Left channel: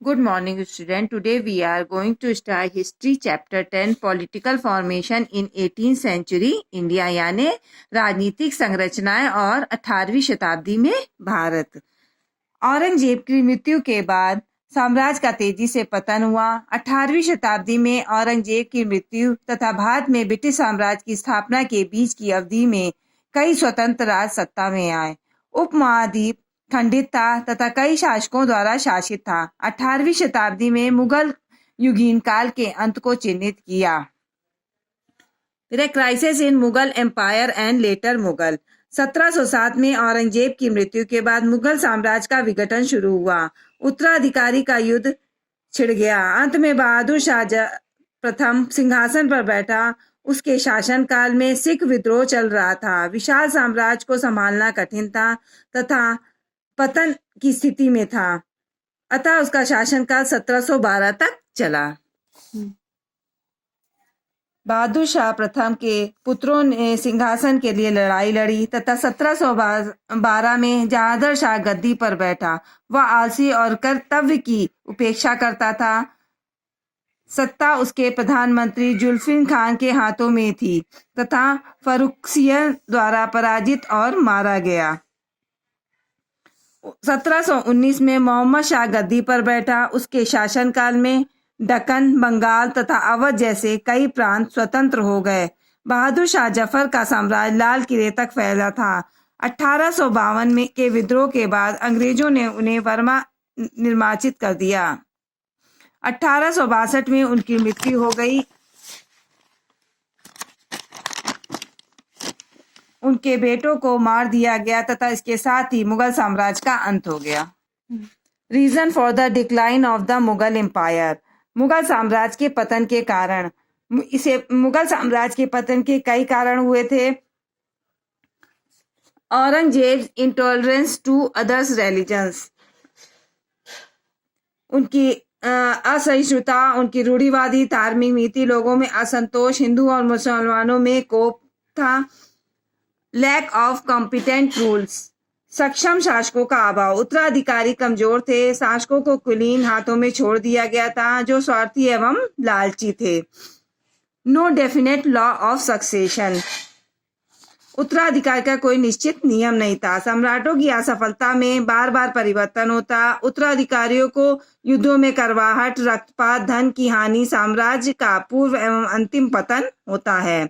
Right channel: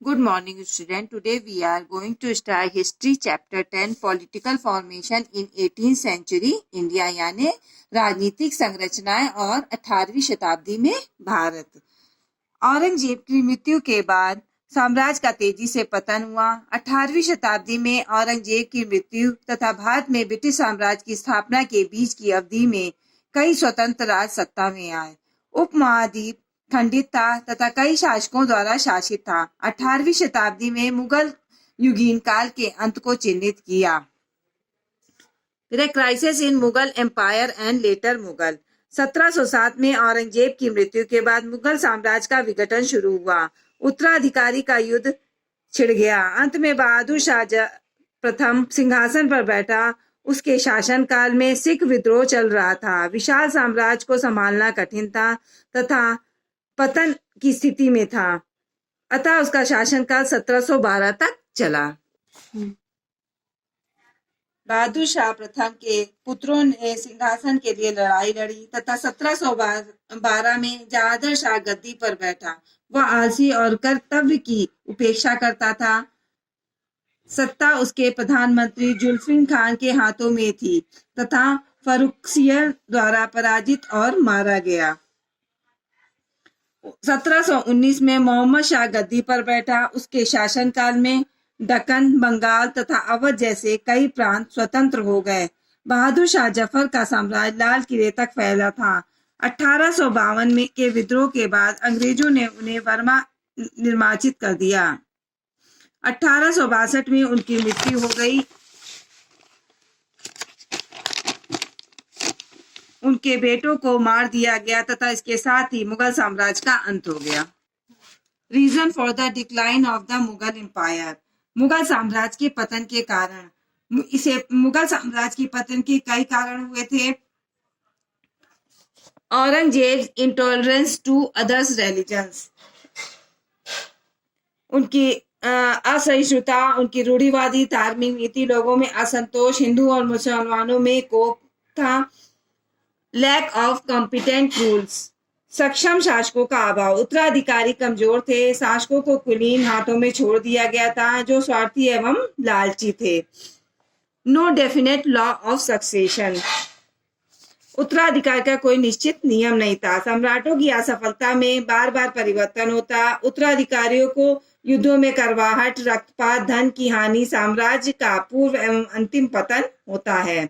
Good morning, student. Today we are going to start history chapter 10 political formation in 18th century India यानी राजनीतिक संरचनाएं और 18वीं शताब्दी में भारत। औरंगजेब की मृत्यु के बाद साम्राज्य का तेजी से पतन हुआ। 18वीं शताब्दी में औरंगजेब की मृत्यु तथा भारत में ब्रिटिश साम्राज्य की स्थापना के बीच की अवधि में कई स्वतंत्र राज सत्ता में आए। उपमहाद्वीप खंडित था तथा कई शासकों द्वारा शासित था। 18वीं शताब्दी में मुगल युगीन काल के अंत को चिन्हित किया। Crisis in Mughal empire and later Mughal. 1707 में औरंगजेब की मृत्यु के बाद मुगल साम्राज्य का विघटन शुरू हुआ। उत्तराधिकारी का युद्ध छिड़ गया। अंत में बहादुर शाह प्रथम सिंहासन पर बैठा। उसके शासनकाल में सिख विद्रोह चल रहा था। विशाल साम्राज्य को संभालना कठिन था तथा पतन की स्थिति में था। अतः उसका शासनकाल 1712 तक चला। बहादुर शाह प्रथम के पुत्रों ने सिंहासन के लिए लड़ाई लड़ी तथा 1712 में जहादर शाह गद्दी पर बैठा। वह आलसी और कर्तव्य की उपेक्षा करता था। सत्ता उसके प्रधानमंत्री जुल्फिन खान के हाथों में थी तथा फर्रुखसियर द्वारा पराजित और मारा गया। 1719 में मोहम्मद शाह गद्दी पर बैठा। उसके शासनकाल में दक्कन, बंगाल तथा अवध जैसे कई प्रांत स्वतंत्र हो गए। बहादुर शाह जफर का साम्राज्य लाल किले तक फैला था। 1852 में के विद्रोह के बाद अंग्रेजों ने उन्हें बर्मा निर्वाचित कर दिया। 1862 में उनकी मृत्यु हो गई। उनके बेटों को मार दिया गया तथा इसके साथ ही मुगल साम्राज्य का अंत हो गया। Reason for the decline of the Mughal empire. Mughal साम्राज्य के पतन के कारण मुगल साम्राज्य के पतन के कई कारण हुए थे। Aurangzeb intolerance to others religions, उनकी असहिष्णुता, उनकी रूढ़िवादी धार्मिक नीति, लोगों में असंतोष, हिंदू और मुसलमानों में कोप था। लैक ऑफ कॉम्पिटेंट रूल्स, सक्षम शासकों का अभाव। उत्तराधिकारी कमजोर थे। शासकों को कुलीन हाथों में छोड़ दिया गया था जो स्वार्थी एवं लालची थे। No definite law of succession, उत्तराधिकार का कोई निश्चित नियम नहीं था। सम्राटों की असफलता में बार बार परिवर्तन होता। उत्तराधिकारियों को युद्धों में करवाहट, रक्तपात, धन की हानि, साम्राज्य का पूर्व एवं अंतिम पतन होता है।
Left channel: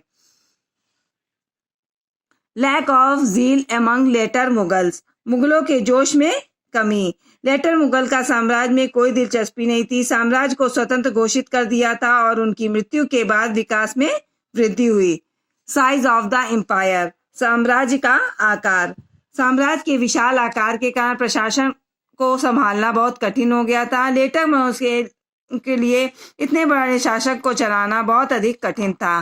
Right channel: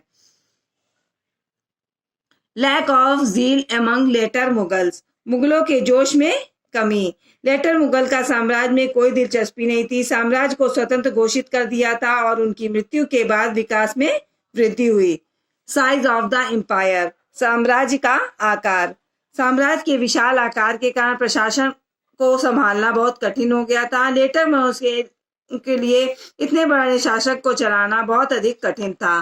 Lack of zeal among later Mughals, मुगलों के जोश में कमी। लेटर मुगल का साम्राज्य में कोई दिलचस्पी नहीं थी। साम्राज्य को स्वतंत्र घोषित कर दिया था और उनकी मृत्यु के बाद विकास में वृद्धि हुई। साइज ऑफ द एम्पायर, साम्राज्य का आकार। साम्राज्य के विशाल आकार के कारण प्रशासन को संभालना बहुत कठिन हो गया था। लेटर मुगल के लिए इतने बड़े शासक को चलाना बहुत अधिक कठिन था।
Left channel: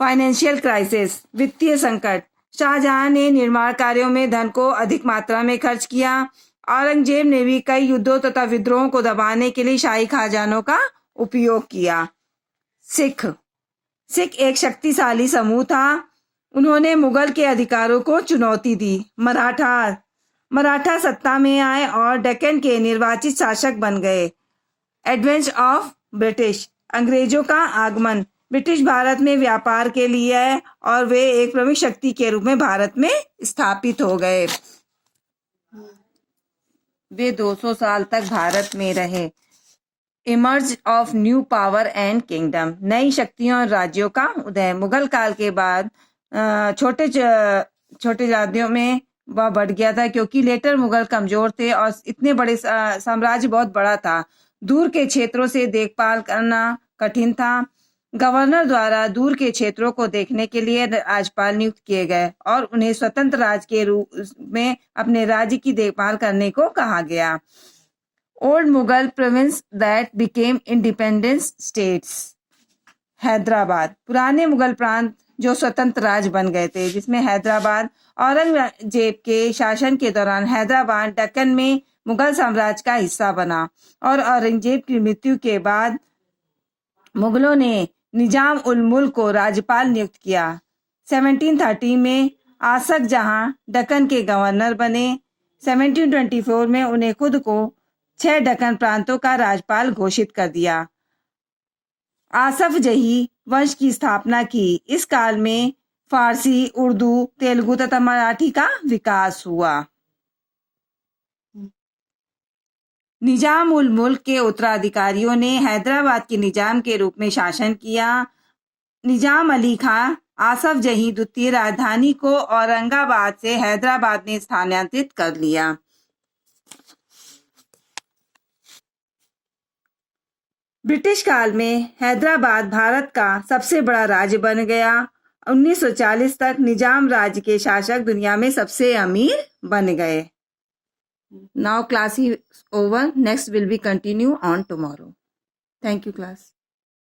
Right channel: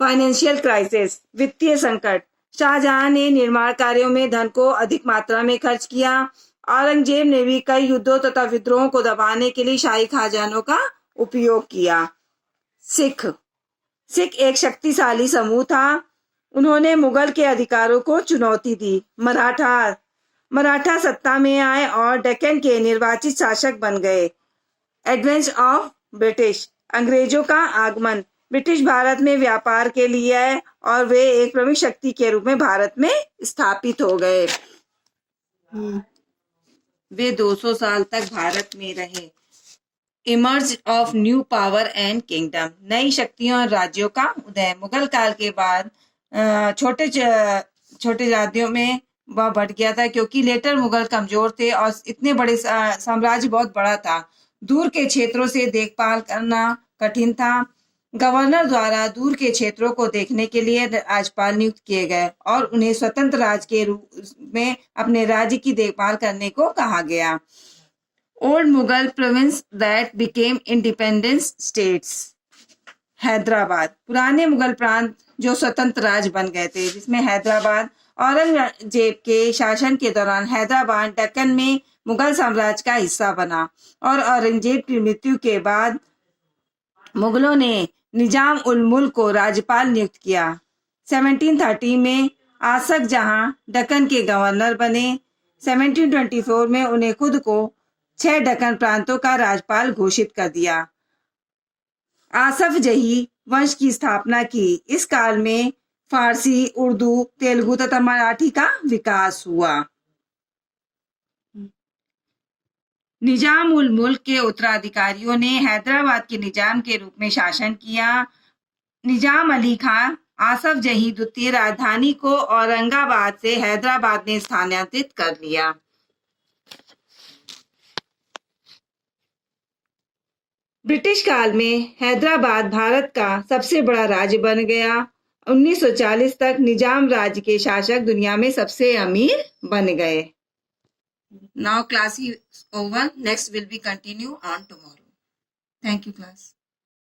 फाइनेंशियल क्राइसिस, वित्तीय संकट। शाहजहां ने निर्माण कार्यों में धन को अधिक मात्रा में खर्च किया। औरंगजेब ने भी कई युद्धों तथा विद्रोहों को दबाने के लिए शाही खजानों का उपयोग किया। सिख एक शक्तिशाली समूह था। उन्होंने मुगल के अधिकारों को चुनौती दी। मराठा सत्ता में आए और डेक्कन के निर्वाचित शासक बन गए। एडवेंस ऑफ ब्रिटिश, अंग्रेजों का आगमन। ब्रिटिश भारत में व्यापार के लिए आए और वे एक प्रमुख शक्ति के रूप में भारत में स्थापित हो गए। वे 200 साल तक भारत में रहे। Emerge of new power and kingdom, नई शक्तियों और राज्यों का उदय। मुगल काल के बाद छोटे राज्यों में वह बढ़ गया था क्योंकि लेटर मुगल कमजोर थे और इतने बड़े साम्राज्य बहुत बड़ा था। दूर के क्षेत्रों से देखभाल करना कठिन था। गवर्नर द्वारा दूर के क्षेत्रों को देखने के लिए राज्यपाल नियुक्त किए गए और उन्हें स्वतंत्र राज्य के रूप में अपने राज्य की देखभाल करने को कहा गया। Old Mughal province that became independent states. Hyderabad, पुराने मुगल प्रांत जो स्वतंत्र राज्य बन गए थे, जिसमें हैदराबाद। औरंगजेब के शासन के दौरान हैदराबाद दक्कन में मुगल साम्राज्य का हिस्सा बना और औरंगजेब की मृत्यु के बाद मुगलों ने निजाम उल मुल्क को राज्यपाल नियुक्त किया। 1713 में आसफ जहां दक्कन के गवर्नर बने। 1724 में उन्हें खुद को 6 दक्कन प्रांतों का राज्यपाल घोषित कर दिया। आसफ जही वंश की स्थापना की। इस काल में फारसी, उर्दू, तेलुगु तथा मराठी का विकास हुआ। निजाम उल मुल्क के उत्तराधिकारियों ने हैदराबाद के निजाम के रूप में शासन किया। निजाम अली खां आसफ जही द्वितीय राजधानी को औरंगाबाद से हैदराबाद में स्थानांतरित कर लिया। ब्रिटिश काल में हैदराबाद भारत का सबसे बड़ा राज्य बन गया। 1940 तक निजाम राज्य के शासक दुनिया में सबसे अमीर बन गए। Now class is over. Next will be continue on tomorrow. Thank you class.